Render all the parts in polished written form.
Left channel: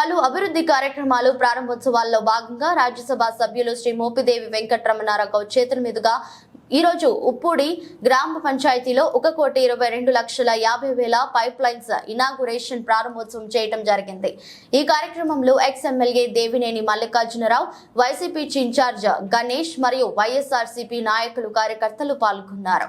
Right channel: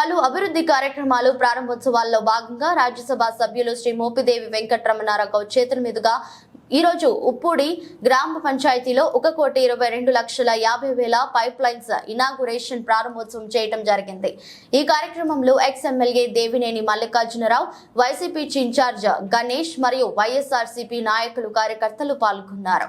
పలు అభివృద్ధి కార్యక్రమాలు ప్రారంభోత్సవాల్లో భాగంగా రాజ్యసభ సభ్యులు శ్రీ మోపిదేవి వెంకటరమణారావు చేతుల మీదుగా ఈ రోజు ఉప్పూడి గ్రామ పంచాయతీలో 1,22,50,000 పైప్ లైన్స్ ఇనాగురేషన్ ప్రారంభోత్సవం చేయడం జరిగింది. ఈ కార్యక్రమంలో ex MLA Devineni Mallikarjunarao, YCP in charge Ganesh మరియు వైఎస్ఆర్సీపీ నాయకులు కార్యకర్తలు పాల్గొన్నారు.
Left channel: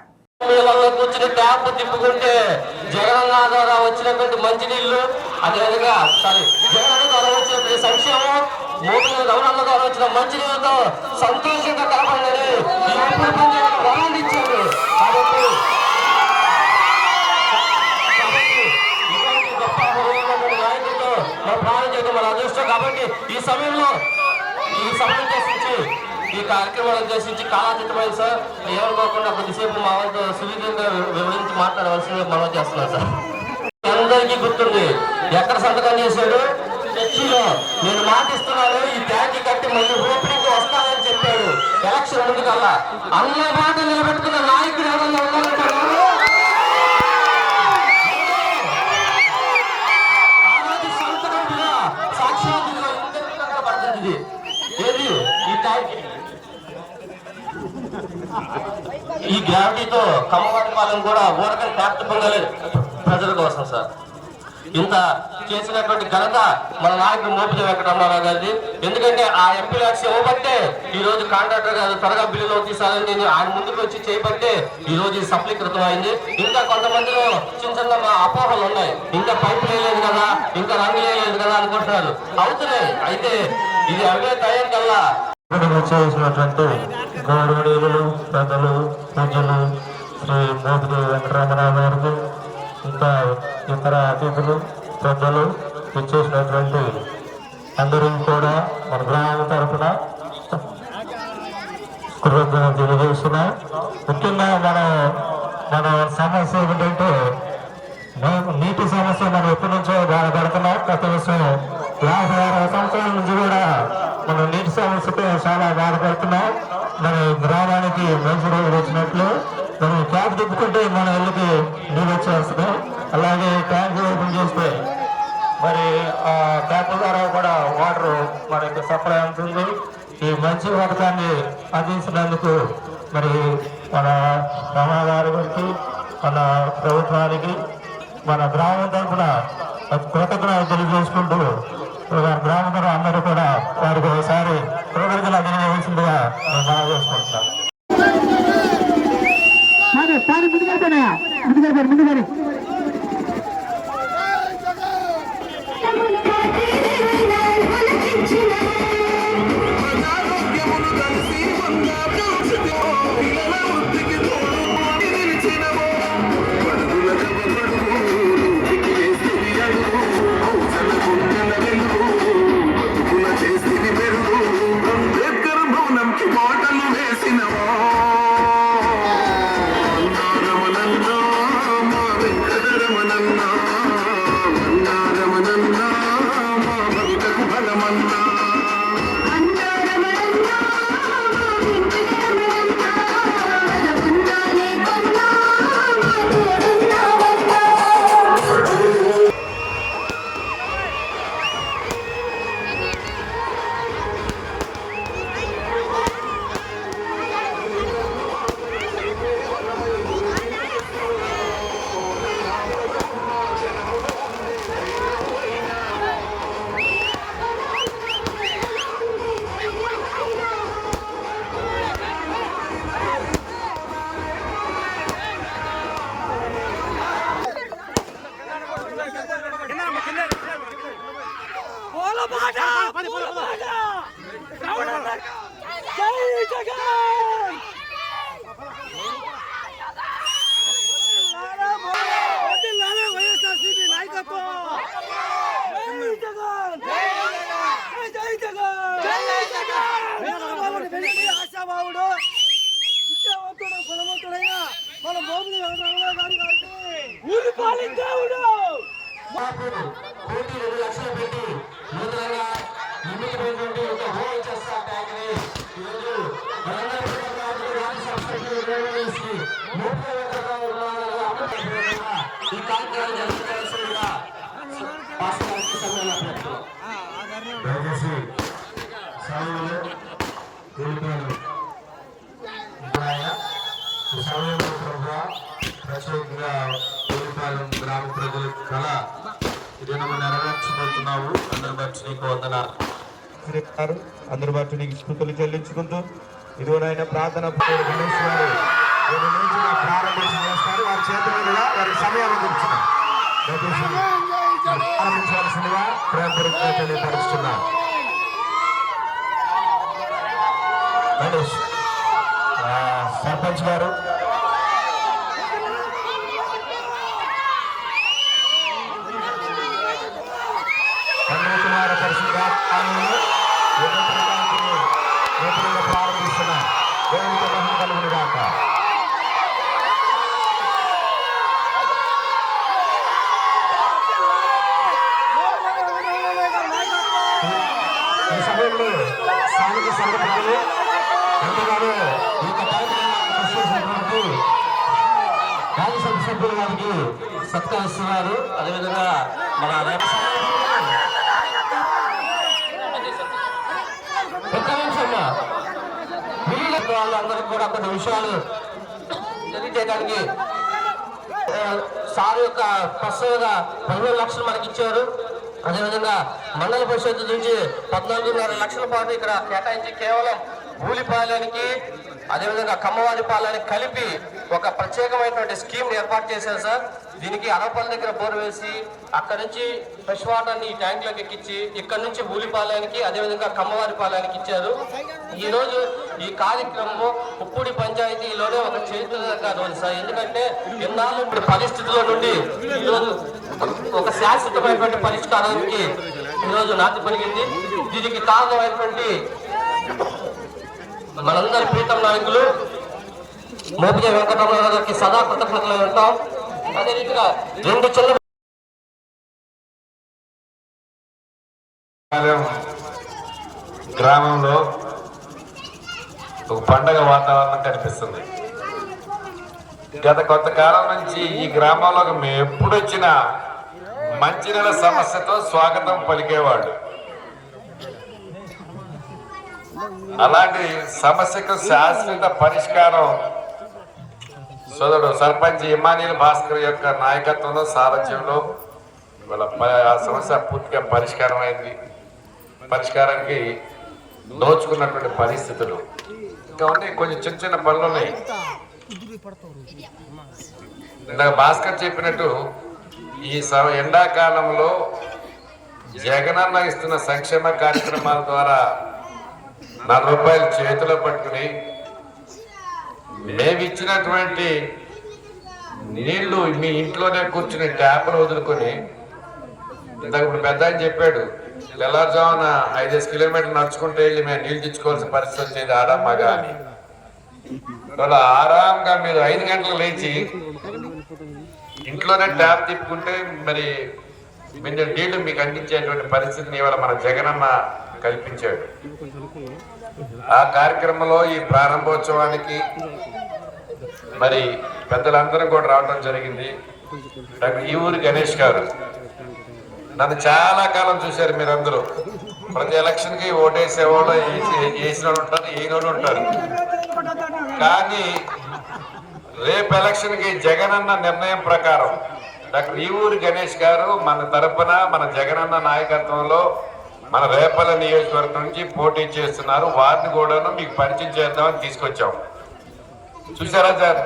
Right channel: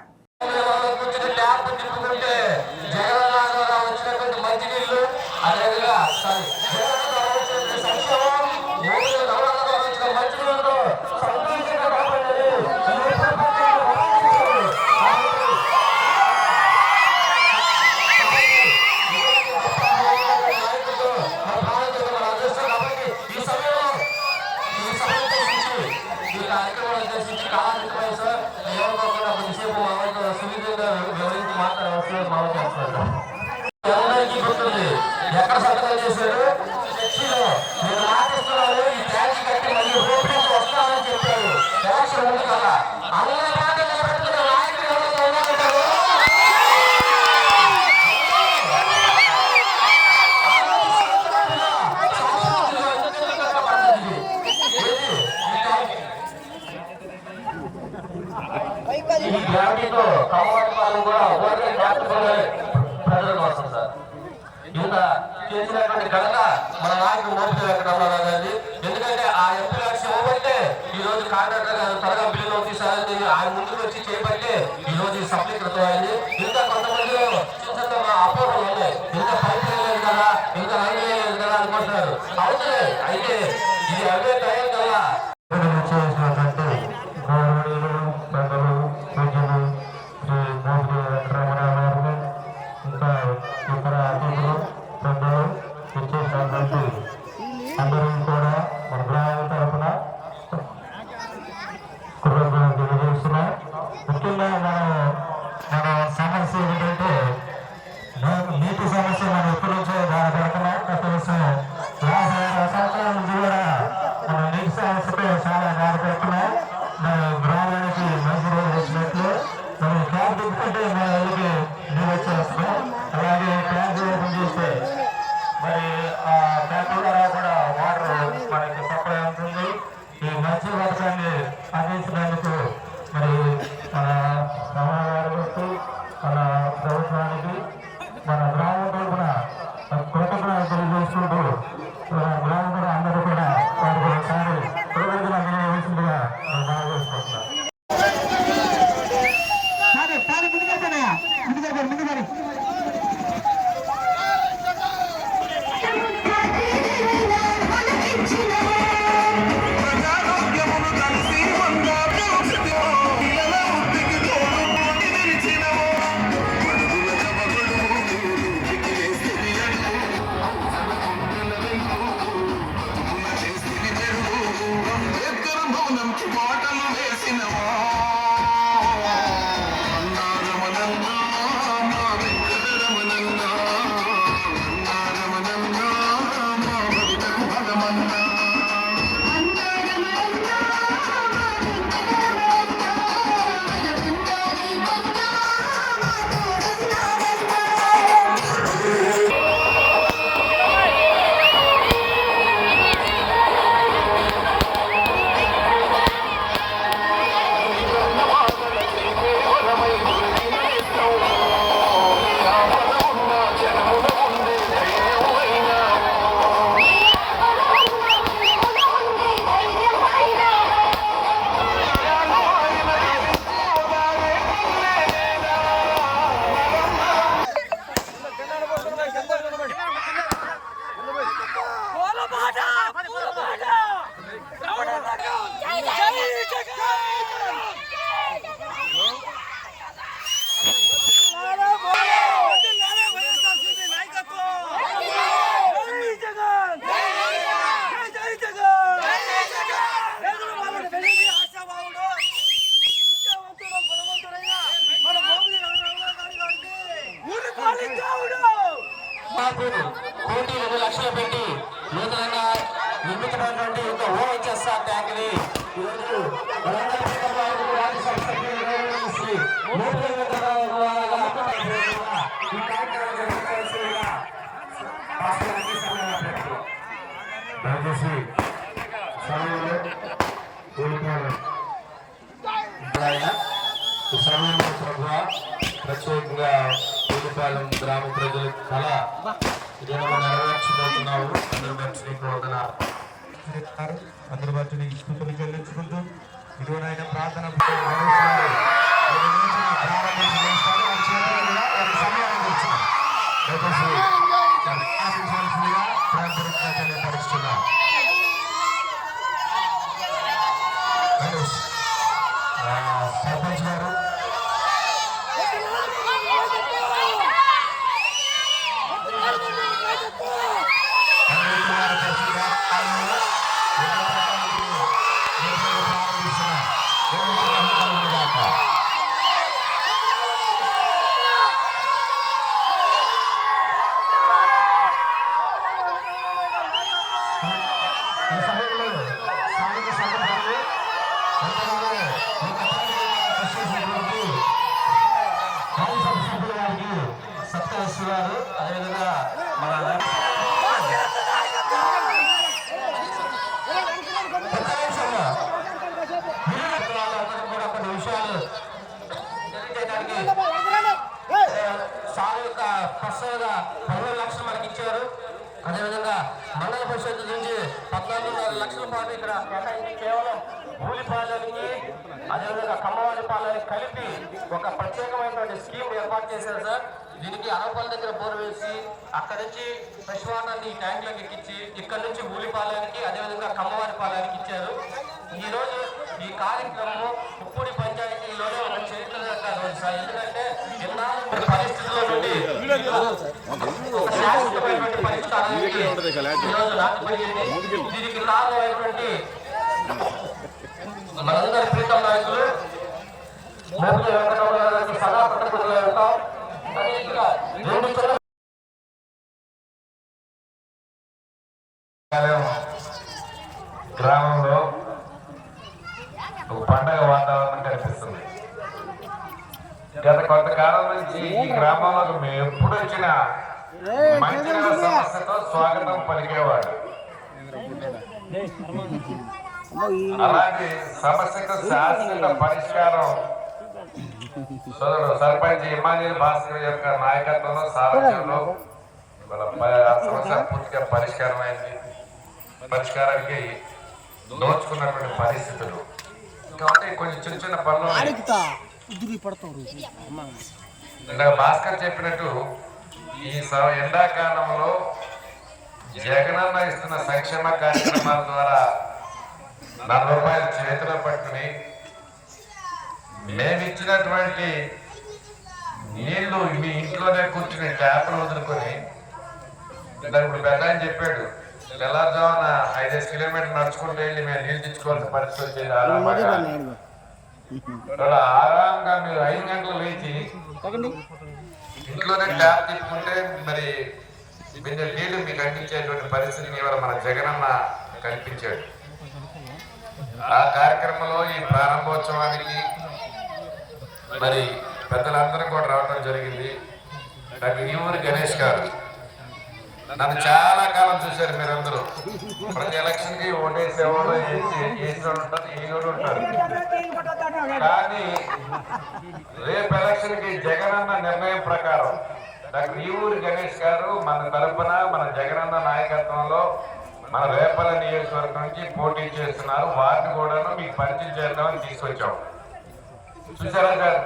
ఈ కార్యక్రమాలు ఉద్దేశించి కాలాతీతమైంది సార్. ఏమనుకోకుండా కొద్దిసేపు మా వాళ్ళతో సువిధంగా వివరించి మాట్లాడవలసింది మనం చేస్తున్నాం సార్. అందరికీ గుర్తుంది ఎక్కడ సంతకం చేశాడు, చర్చిలో. నేను మాటిస్తున్నాను, ఈ ట్యాంక్ కట్టి మళ్ళీ ఓపెనింగ్ వస్తామని చెప్పాడు ఎలక్షన్ ముందు కల్లా. అన్న మాట నిలబెట్టుకున్న నాయకులు ఈ గ్రావిటీతో కమ్మపట్టుకోవాలని కూడా ఓరకని డాక్టర్ పొందాలి ప్రజల కోసం సార్. ఇంత చేసినటువంటి ఘనత మన నాయకుడు మోపిదేవి వెంకటరమణారావు గారిది. ఎందుకంటే ఆ ఎంపీ లక్ష్యం ఇవ్వబట్టే ఈ రోజు కాంట్రాక్టర్ గారు త్వరగా బిల్లులో తీసాలని ఆయన ముందుకు వచ్చి చేయబట్టే ఈ రోజు సఫలీకృతం అయింది. ఇంకా కొంతమందిలో చిన్న చిన్న మా అపోహలు ఉన్నాయి. ఇంకా పైపు లేదు కదా, ఇంకా రంగు లేదు కదా అనుకుంటున్నారు. అవుతున్నాయి. అయితే ఇది అవే తయారు కల్లా చేసినటువంటి గౌరవనీయులు, పెద్దలు, పూజలు శ్రీ మోపిదేవి వెంకటరమణారావు గారికి, ఇంకా ఇతర అతిథులు, పెద్దలు ఇచ్చేసినటువంటి అందరూ కూడా మన గ్రామం తరఫున కృతజ్ఞతలు తెలియజేస్తున్నాం. ముఖ్యంగా మన సమస్య ఏంటంటే నీటి సమస్య మనం ఎప్పటి నుంచో బాధపడుతున్నాం. గత విషయం 50 సంవత్సరాల నుంచి కూడా మనం నీటి సమస్యతో చాలా బాధపడుతున్నాం. మన గ్రామానికి మంచి రోజులు వచ్చినట్లు మనం ట్యాంక్ తిప్పుకుంటే మన ఇళ్ళకి నీళ్ళు వచ్చేస్తున్నాం. అలాగే ట్యాంక్ ఓపెన్ చేస్తే మరి ఆ ట్యాంక్ ద్వారా కూడా వాటర్ మనకి సప్లై అవుతుంది. ఈ మంచి పథకాన్ని అందించినందుకు మరి మన రమణాగారికి, మన ప్రభుత్వానికి, మన గ్రామం తరఫున కృతజ్ఞతలు తెలియజేసుకుంటూ గ్రామంలో అందరూ కూడా వారికి ఒకసారి కృతజ్ఞతలు అందజేయవలసిందిగా మనం చేసుకుంటున్నాం. కోటి 2 లక్షలు పెట్టి నూతనంగా నిర్మించినటువంటి ఒక ఓహెచ్ఎస్ఆర్ ట్యాంక్ ని ఈరోజు దయచేసి సమయంలో కోల్పోయారు ఈ సమయంలో ప్రభు ప్రత్యేకంగా కోల్పాలెం గ్రామ ప్రజల కళ ఇదేమో నెరవేర్చబోతున్నావు. అందరూ బట్టి నీకు వందనాలు. అందరూ బట్టి నీకు స్తుతులు చెల్లించుకుంటూ ఇదిగోనైనా ప్రార్థన ప్రారంభించి చేస్తారు. వారి చేతుల మీద వారి సమయాన్ని గురించిన ప్రారంభించవలసిందిగా ప్రేమపూర్వకంగా తెలియపరుస్తున్నాం. సర్పంచ్ గారు సత్కరిస్తున్నారు. అదేవిధంగా మన వాళ్ళందరికీ కూడా కొన్ని విషయాలు తెలియజేయడానికి సార్ యొక్క ప్రస్తుతంగా 15 లక్షలు మనకి ఇచ్చారు. అదేవిధంగా మండల పరిషత్ నుంచి 14.5 లక్షల పాటు ఇక్కడ కేటాయించి కేవలం భూలిపాలెనికి అదేవిధంగా కమ్మవారిపాలెనికి కలిపి ఒక ప్రత్యేకమైనటువంటి స్కీమ్ ఏర్పాటు చేశారు సార్. దీనికి అనపల్లి దగ్గర బోర్ వేసి అక్కడ నుంచి ఫ్రెష్ వాటర్ని ఈ ట్యాంక్లోకి ఎక్కించి ఇక్కడ నుంచి భూలిపాలెనికి అదేవిధంగా కమ్మవారిపాలెనికి ఇచ్చారు. ఈ రోజు ఈ కార్యక్రమం ఉప్పుడి పంచాయతీలోనే ఒక చరిత్రగా ఉంది సార్. ఎందుకంటే ఎన్నాళ్ళు పరిస్థితుల నుండి ఒక శాశ్వతమైనటువంటి పరిష్కారానికి ఈరోజు నాటి పలిగింది. దీనికి కారణమైనటువంటి మనందరి ప్రీతం నాయకులు మోపిజ వెంకటరమణ గారికి సదా కృతజ్ఞతలు ఉంటాం. అదే రీతిగా 2 చిన్న గ్రామంలో ఒక పండగ వాతావరణం కనిపిస్తుంది. గత కొంతకాలం నుంచి ఈ గ్రామంలో మేము ఎప్పుడు వచ్చినా మంచినీళ్ళ సమస్యతో స్వాగతం పలికేవాడు. అలాంటి సమస్యకు శాశ్వత పరిష్కారం సోదరుడు సర్పంచ్ ఇమానీల్ భాస్కర్ యొక్క నాయకత్వంలో సారథ్యంలో ఆ సమస్య పూర్తిగా పరిష్కారం అయింది. పరిష్కారానికి దోచుకున్నటువంటి పరిస్థితులు ఇంకా ఉన్నాయి. కొంచెం చిన్న చిన్న పనులు ఉన్నాయి. ఇందాక భాస్కర్ చెప్పినట్టు ఈ ఎండాకాలంలో జగనన్న ఇస్తున్న సంక్షేమ కార్యక్రమాల ద్వారా 4 రూపాయలు చేతిలో పట్టుకుని మేము ఇచ్చినటువంటి నీళ్లు మీ ఇంట్లోనే కూర్చుని ట్యాప్లు వదులుకొని పెద్ద అని చెప్పాడు. తెల్లారుజామున 5 కిలోమీటర్లు నడుచుకుంటూ వెళ్ళి మేము నీళ్లు తెచ్చుకోవాల్సిన పరిస్థితి వచ్చేది ఆరాంగా. వాళ్ళ ఆరాంగా మీరు 5 గంటలు లేచి ఇంట్లోనే ట్యాప్ తిప్పుకుంటే మరి నీళ్లు మీకు అందించేటువంటి పరిస్థితిని ఇవాళ మన జగనన్న కల్పించాడు. ఆ కార్యక్రమంలో ఈ ప్రారంభోత్సవానికి మరి పెద్దలందరూ కూడా రావడం జరిగింది. ఈ ఊరి గణేష్ గారు నన్ను చాలా కాలం చూశారు. మీరందరూ ప్రతి ఎలక్షన్ కి ఓటేసేవాళ్ళు వేసిన వాళ్ళు ఉంటారు, ఈరోజు ఉంటారు. కానీ రేపు ఎలక్షన్ కి జగనన్న నిర్ణయం ప్రకారం డాక్టర్ ఈ ఊరి గణేష్ గారు మన తరపున మన జగనన్న నాయకత్వంలో మన రేపల్ల నియోజకవర్గం నుంచి పోటీ చేస్తున్నారు. వారిని కూడా మీకు పరిచయం చేద్దామని తీసుకొచ్చాం. చూసారా సార్?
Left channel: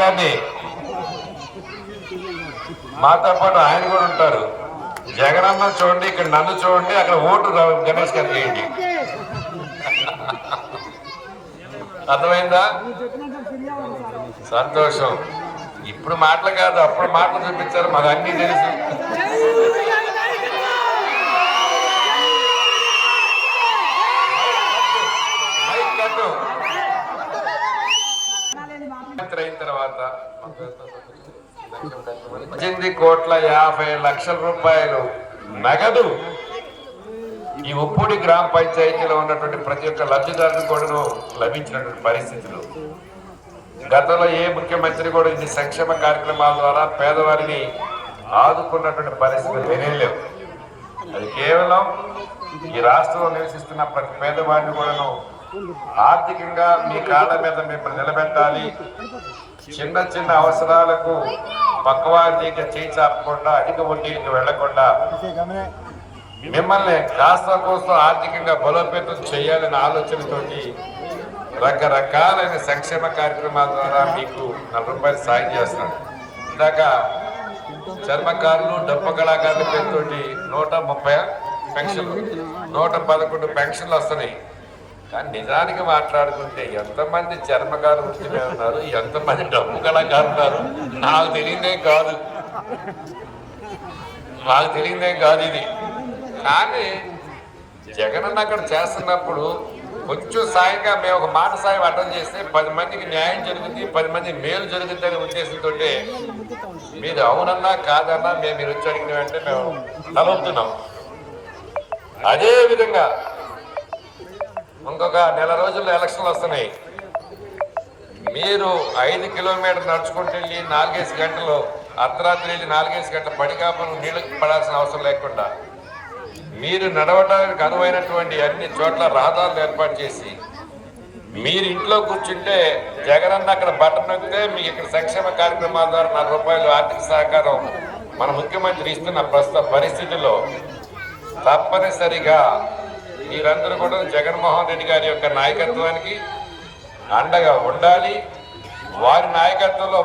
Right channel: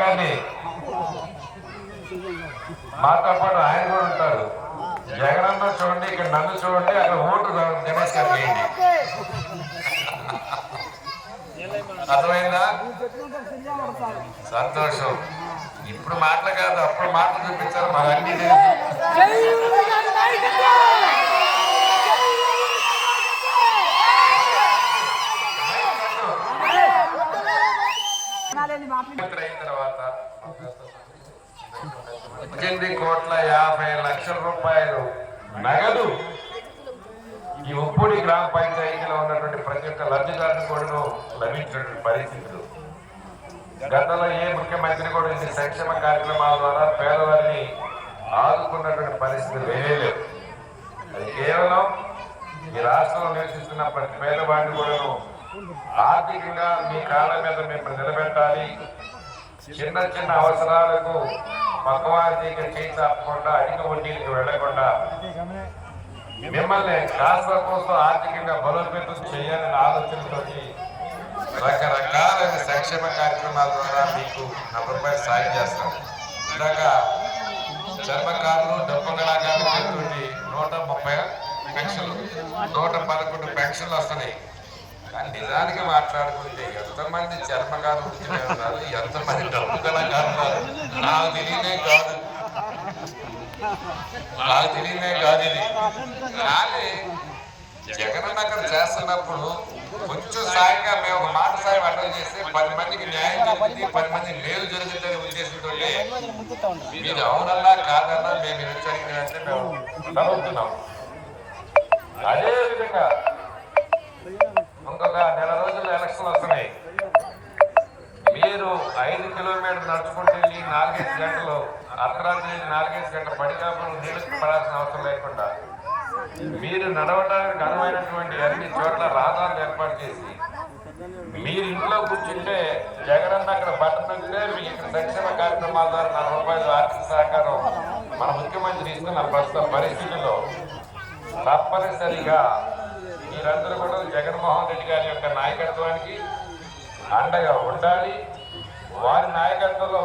కానీ మాతో పాటు ఆయన కూడా ఉంటారు. జగనన్న చూడండి, ఇక్కడ నన్ను చూడండి, అక్కడ ఓటు గణేష్ గారు చేయండి. అర్థమైందా? సంతోషం. ఇప్పుడు మాటలు కాదు, అప్పుడు మాటలు చూపించారు. మాకు అన్ని తెలుసు. అయిన తర్వాత 18,50,00,000 రూపాయలు నగదు ఈ ఉప్పుడి గ్రామ పంచాయతీలో ఉన్నటువంటి ప్రతి ఒక్క లబ్ధిదారుని కూడా లభించినటువంటి పరిస్థితులు. గతంలో ఏ ముఖ్యమంత్రి కూడా ఈ సంక్షేమ కార్యక్రమాల ద్వారా పేదవారిని ఆదుకున్నటువంటి పరిస్థితులు తెలియలేదు. అది కేవలం ఈ రాష్ట్రంలో నివసిస్తున్న ప్రతి పేదవాడిని కూడా ఆర్థికంగా మీ కాళ్ళ మీద మిమ్మల్ని నిలబెట్టాలి, చిన్న చిన్న అవసరాలకు పక్కవారికి చేయించకుండా అధిక వడ్డీకి వెళ్లకుండా మిమ్మల్ని రాష్ట్రం కోసం ఆర్థికంగా బలోపేతం చేయాలనే ఆలోచనతోటి రకరకాలైన సంక్షేమ కార్యక్రమాల ద్వారా మీకు రూపాయలు సాయం చేస్తాం. ఇందాక చర్మకారులు, డబ్బు కళాకారులు పేరుతోటి 130 పెన్షన్లు, 111 పెన్షన్లు వస్తున్నాయి. కానీ నిజానికి మాట్లాడుతుంటే ఎంతమంది చర్మకారులు ఉన్నారు, ఎంతమంది డబ్బు కళాకారులు ఉన్నారు నాకు తెలియదేం కాదు ఇది. కానీ జగన్ అక్కడ చేస్తున్నప్పుడు కొంచెం సాయంగా మేము ఒక మాట సాయం అటెండ్ చేస్తే 10 మందికి న్యాయం జరుగుతుంది, 10 మంది మేలు జరుగుతుందనే ఉద్దేశంతో మీరు అవునన్నా కాదన్నా మేము మీరు వచ్చి అడిగిన వెంటనే మేము నమ్ముతున్నాం. అదే విధంగా ఇంకొక నెల రోజుల్లో ఎలక్షన్లు వస్తున్నాయి. మీరు 5 కిలోమీటర్లు నడుచుకుంటూ వెళ్ళి 4-5 గంటలు, అర్ధరాత్రి వెళ్ళి 4-5 గంటలు పడికాపురం నీళ్ళకి పడాల్సిన అవసరం లేకుండా మీరు నడవడానికి అనువైనటువంటి అన్ని చోట్ల రహదారులు ఏర్పాటు చేసి మీరు ఇంట్లో కూర్చుంటే జగనన్న అక్కడ బటన్ నొక్కితే మీకు ఇక్కడ సంక్షేమ కార్యక్రమాల ద్వారా ₹4 ఆర్థిక సహకారం మన ముఖ్యమంత్రి ఇస్తున్న ప్రస్తుత పరిస్థితుల్లో తప్పనిసరిగా మీరందరూ కూడా జగన్మోహన్ రెడ్డి గారి యొక్క నాయకత్వానికి అండగా ఉండాలి. వారి నాయకత్వంలో